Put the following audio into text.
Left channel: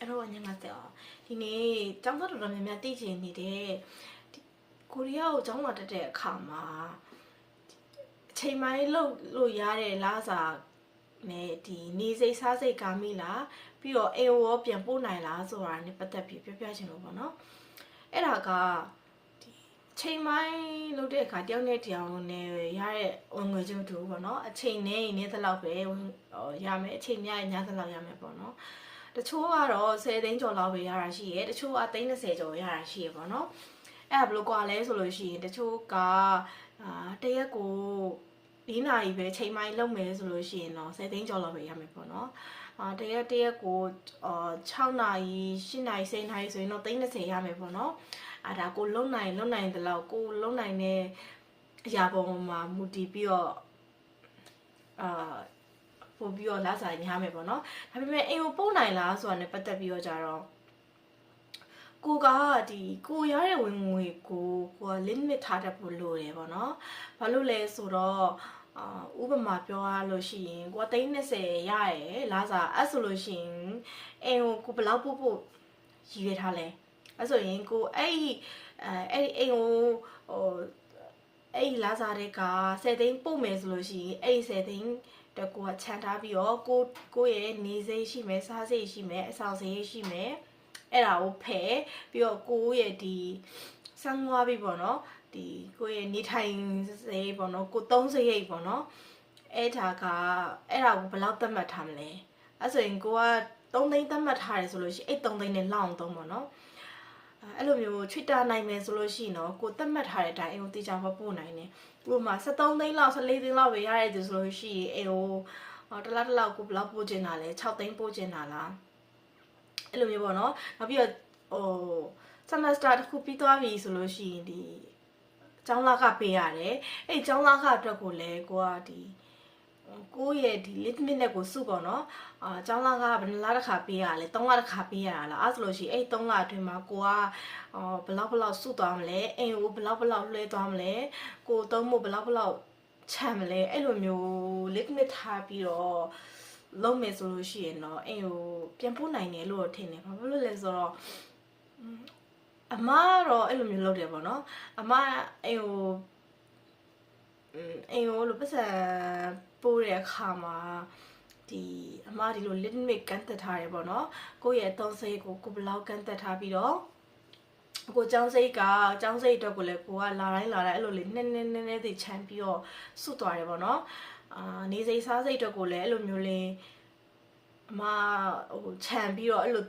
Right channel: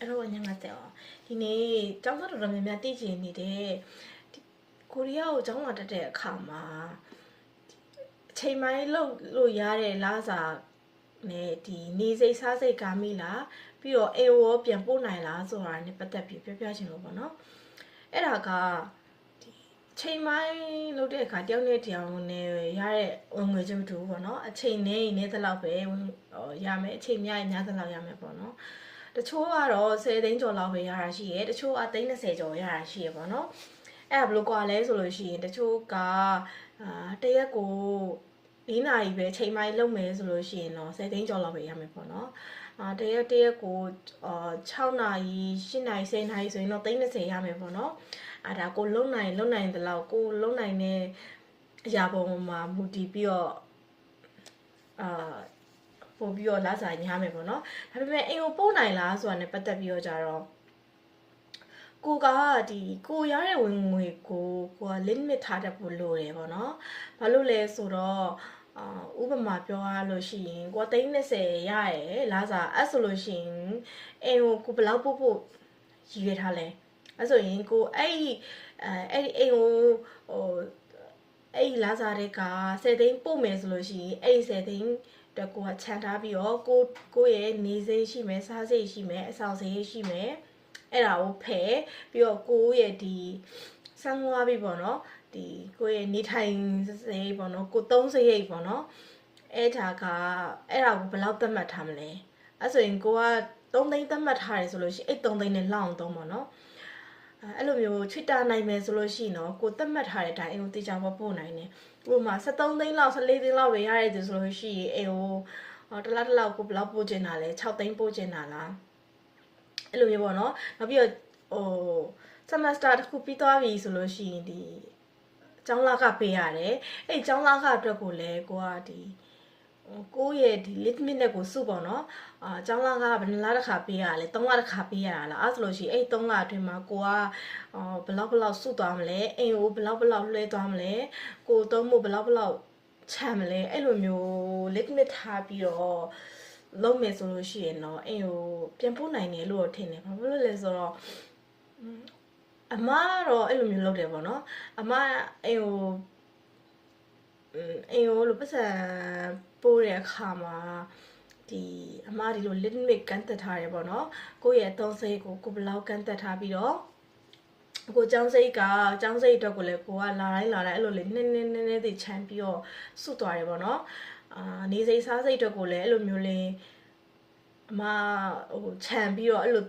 အဲ့တော့ညငါကြောင်ဒီနေ့ကျောင်းသားတော်တော်များများတည်ချင်နေတဲ့ကိုရီးယားကိုကျောင်းလာတက်တဲ့အခါမှာအချိန်ပိုင်းလို့ရတဲ့လားစာနဲ့ဒီနေစိတ်စားစိတ်ကားမိလားပြီးတော့အေဝေါ်ပြန်ပို့နိုင်လားဆိုတာနဲ့ပတ်သက်ပြီးပြောပြချင်လို့ပေါ့နော်အဲ့ဒါကချိန်ပိုင်းလုပ်တဲ့အခါတယောက်နဲ့တယောက်နဲ့ရတဲ့ဝင်ငွေကျုပ်တူပေါ့နော်အချိန်နဲ့နေသလောက်ပဲရမယ်အချိန်များရင်များသလောက်ရမယ်ပေါ့နော်တချို့ကတော့10 သိန်းကျော်လောက်ပဲရတာရှိရဲတချို့က30ကျော်ရတာရှိရပေါ့နော်အဲ့ဒါဘယ်လိုကွာလဲဆိုလို့ရှိရင်တချို့ကတရက်ကို4 နာရီပဲချိန်ပိုင်းလုပ်မယ်ဆိုလို့ရှိရင်တော့10 သိန်းကျော်လောက်ပဲရမယ်ပေါ့နော်တရက်ကို6 နာရီ8 နာရီ10 နာရီဆိုရင်တော့30ရမယ်ပေါ့နော်ဒါကိုလုံနိုင်တလောက်ကိုလုံနိုင်တဲ့အရာပေါ်မှာမူတည်ပြီးတော့ပို့ပြီးတော့လာစားညမယ်ပေါ့နော်ဒါပေမဲ့အိမ်ကိုပို့နိုင်လားဆိုတာနဲ့ပတ်သက်ပြီးတော့ကြတော့ကိုကကိုရတဲ့ဝင်ငွေကိုက limit ထားတတ်ဖို့လိုတယ်ပေါ့နော်ဘာလို့လဲဆိုတော့ဥပမာပြောရလို့ရှိရင်ကို30ရရဲလာစားအဲ့ဆိုလို့ရှိရင်အိမ်ကိုဘယ်လောက်ပို့ရည်ရထားလဲအဲ့ဆိုရင်ကိုအဲ့အိမ်ကိုအဲ့လာစားတဲ့က10 သိန်းပို့မယ်ဆိုလို့ရှိရင်အဲ့10 သိန်းတော့ကိုကခြံထားပြီးတော့ကိုရဲ့နေစိတ်ရှိမယ်စားစိတ်ရှိမယ်အဆောင်စိတ်ရှိမယ်အဲ့ဒါကိုဖယ်ပြီးတော့ကိုရဲ့ဒီစံငွားပြီးပေါ့နော်ဒီကိုရဲ့နေထိုင်စိတ်ပေါ့နော်ကိုသုံးစိတ်ပေါ့နော်အဲ့ဒါကိုဘယ်လောက်သတ်မှတ်ထားမလဲအဲ့ဆိုရင်ကိုက3 သိန်းသတ်မှတ်ထားတယ်ဆိုလို့ရှိရင်အဲ့3 သိန်းနဲ့လောက်အောင်သုံးပေါ့နော်အဲ့လိုမျိုးချွတ်တာနိုင်မယ်ဆိုလို့ရှိရင်တော့ကိုသတ်မှတ်ထားတဲ့အတိုင်းအိမ်ကိုတေချာပို့နိုင်တယ်ဥပမာ13 သိန်းလောက်14 သိန်းလောက်ပဲရရတယ်ဆိုလို့ရှိရင်အိမ်ကိုတလောက်ကိုဘယ်လောက်ပို့ချင်တာလဲ6 သိန်းပို့ချင်တာလားအဲ့လိုမျိုးပေါ့နော်နောက်ပြီးတော့semester တစ်ခုပြီးသွားပြီဆိုလို့ရှိရင်ဒီကျောင်းလခပေးရတယ်အဲ့ကျောင်းလခအတွက်ကိုလည်းကိုကကိုရဲ့ဒီ limit နဲ့ကိုစုပေါ့နော်ကျောင်းလခဘယ်နှလတစ်ခါပေးရလဲ3 လတစ်ခါပေးရတာလားအဲ့ဆိုလို့ရှိရင်အဲ့3 လအတွင်းမှာကိုကဘယ်လောက်စုသွားမလဲအိမ်ကိုဘယ်လောက်လွှဲသွားမလဲကိုသုံးဖို့ဘယ်လောက်ချမ်းမလဲအဲ့လိုမျိုး limit ထားပြီးတော့လုံးမယ်ဆိုလို့ရှိရင်တော့အိမ်ကိုပြန်ပို့နိုင်တယ်လို့ထင်တယ်ဘာဖြစ်လို့လဲဆိုတော့အမကတော့အဲ့လိုမျိုးလုပ်တယ်ပေါ့နော်အမအိမ်ကိုလို့ပတ်စံပို့တဲ့အခါမှာအမဒီလို limit ကန်တက်ထားတယ်ပေါ့နော်ကိုယ့်ရဲ့သုံးစိတ်ကိုဘယ်လောက်ကန်တက်ထားပြီးတော့ကိုကျောင်းစိတ်အတွက်ကိုလည်းကိုကလာတိုင်းအဲ့လိုလေးနည်းသိချမ်းပြီးတော့စွတ်သွားတယ်ပေါ့နော်နေစိတ်စားစိတ်အတွက်ကိုလည်းအဲ့လိုမျိုးလေးအမခြံပြီးတော့အဲ့လို